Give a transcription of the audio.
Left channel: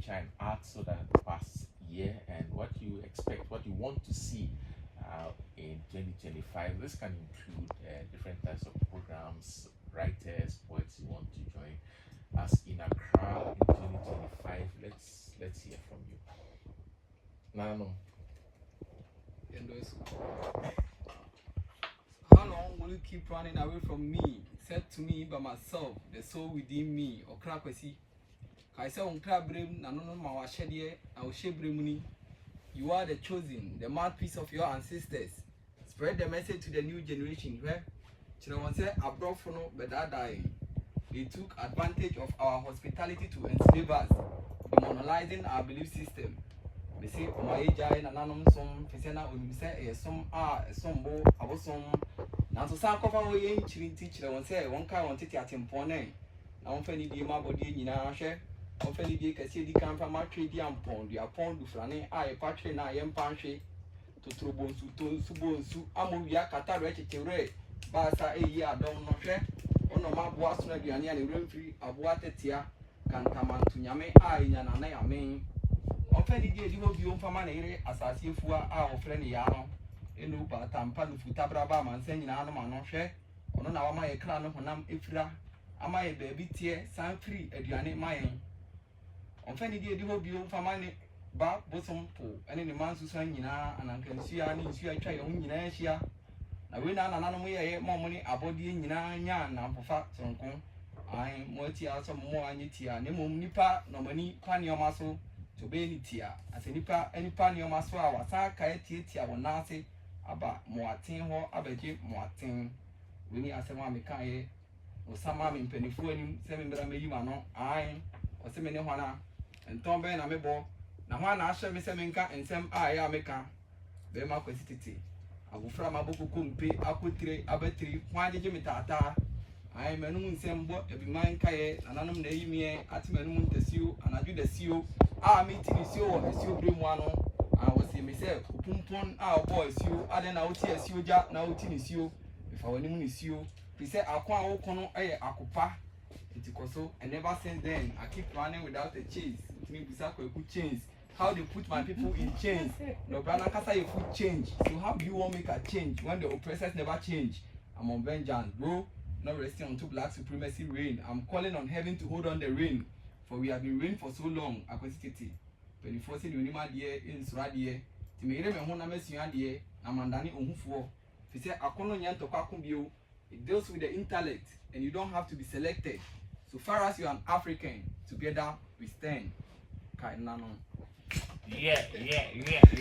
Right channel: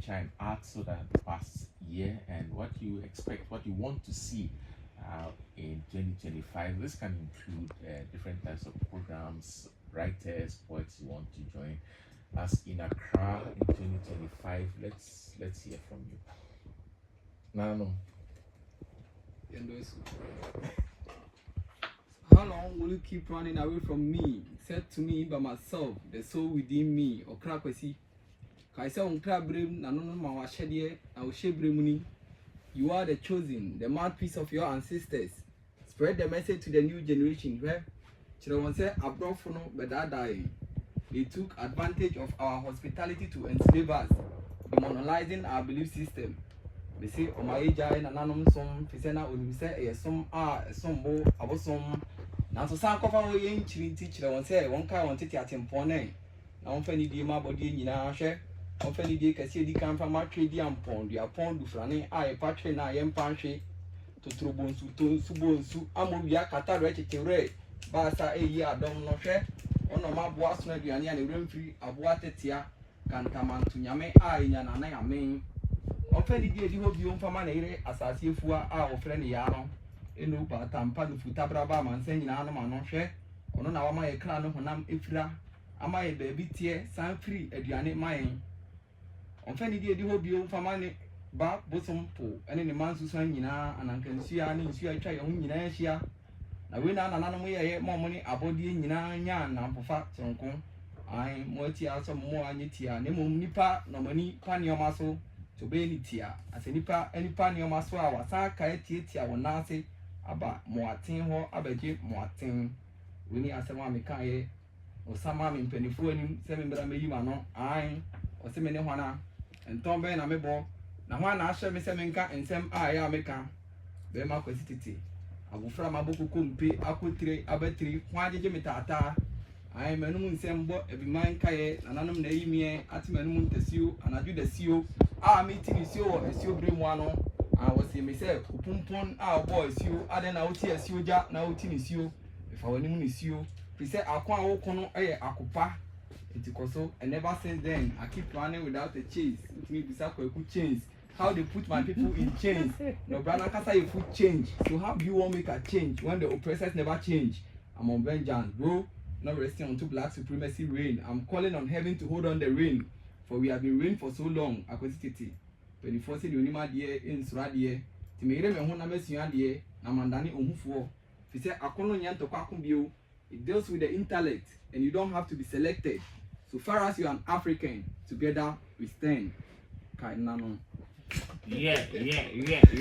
picture and art so that past year and what you expect, what you want to see in 2025. This can include different types of programs, writers, poets you want to join us in Accra in 2025. Let's hear from you. No. How long will you keep running away from me? Said to me by myself, the soul within me, or crackwacy. Kaisa on crab brim, Nanono Mawashedie, Aushebrimuni. You are the chosen, the mouthpiece of your ancestors. Spread the message to the new generation. Where Children said, Abrofono, but that dying. They took advantage of our hospitality to enslave us, demonizing our belief system. They say, "Oh my age, I am some Pisana, when say, some are some more about some." Now, so some of our young teacher one say, one car wanted at Impone. I don't find the body in our share. I don't find the Cassidy come from my trade, the Ampon, the Apon, the Franny, I, Patrin, I am Panche, to Trubon, to Subon, Su, Amuya, Cataract, Red, Basa, a year, don't know share. On a map was not the onion and free of water tia can come on to Yame, I, and I mean. Often did you hope you for money as I see for our friend Yano, in Upa, Tampan, Futabrabam, and saying Anno Manoche, or no, now my clan when I'm Ifra, am I a baby tear, sign free at Yanni mine. Often did you hope you for money, Bob Bosom, and in the man's son, and I can see I need you a child on Yinasia. I win an way more money about the Yan and for facts on Kong. I multi some more anitia, Nemo Nipa, no money, pan your muscle. To be tia as any pan your muscle, our Saka tia will not say about Moatin or Abaji Moatin. We need a Samamikaye or some in Pennyphone, 7 Bramano, I or Semene Hana, and Tom Ben Amebo. Now one I shall be Semenka and Sam I Ameka. Bema City. I will from a book kumpe, Akutri, Abatri, why did you metata? I am a noon sembo, every man kaye, and anum naimie, Atimanum tesio, and I do the seal. Ah, meeting is you, Monsieur Brimwano. I was here myself, Pumpon, our boys, you, I then out here, you, Jack, now is you. If our name is you, he said, I can't walk Akupa. It is so, and never since then, I keep running without a chase. It means exactly a good change. How they put my people in chains. No, Brana Kasa, you put change. So, how do you want to make a change when the oppressors never change? I'm on vengeance, bro. Not resting on two black supremacy reign. I'm calling on heaven to hold on the reign. For we have been reigned for so long, Aquacity. 24 city unima dear in Suradia. Timere me hona mesia dear, Namandani Umfo. If you say Akono Yan to Kakumbio, it deals with the intellect, and you don't have to be selected. So far as you are an African, together we stand. Kainano. Yeah.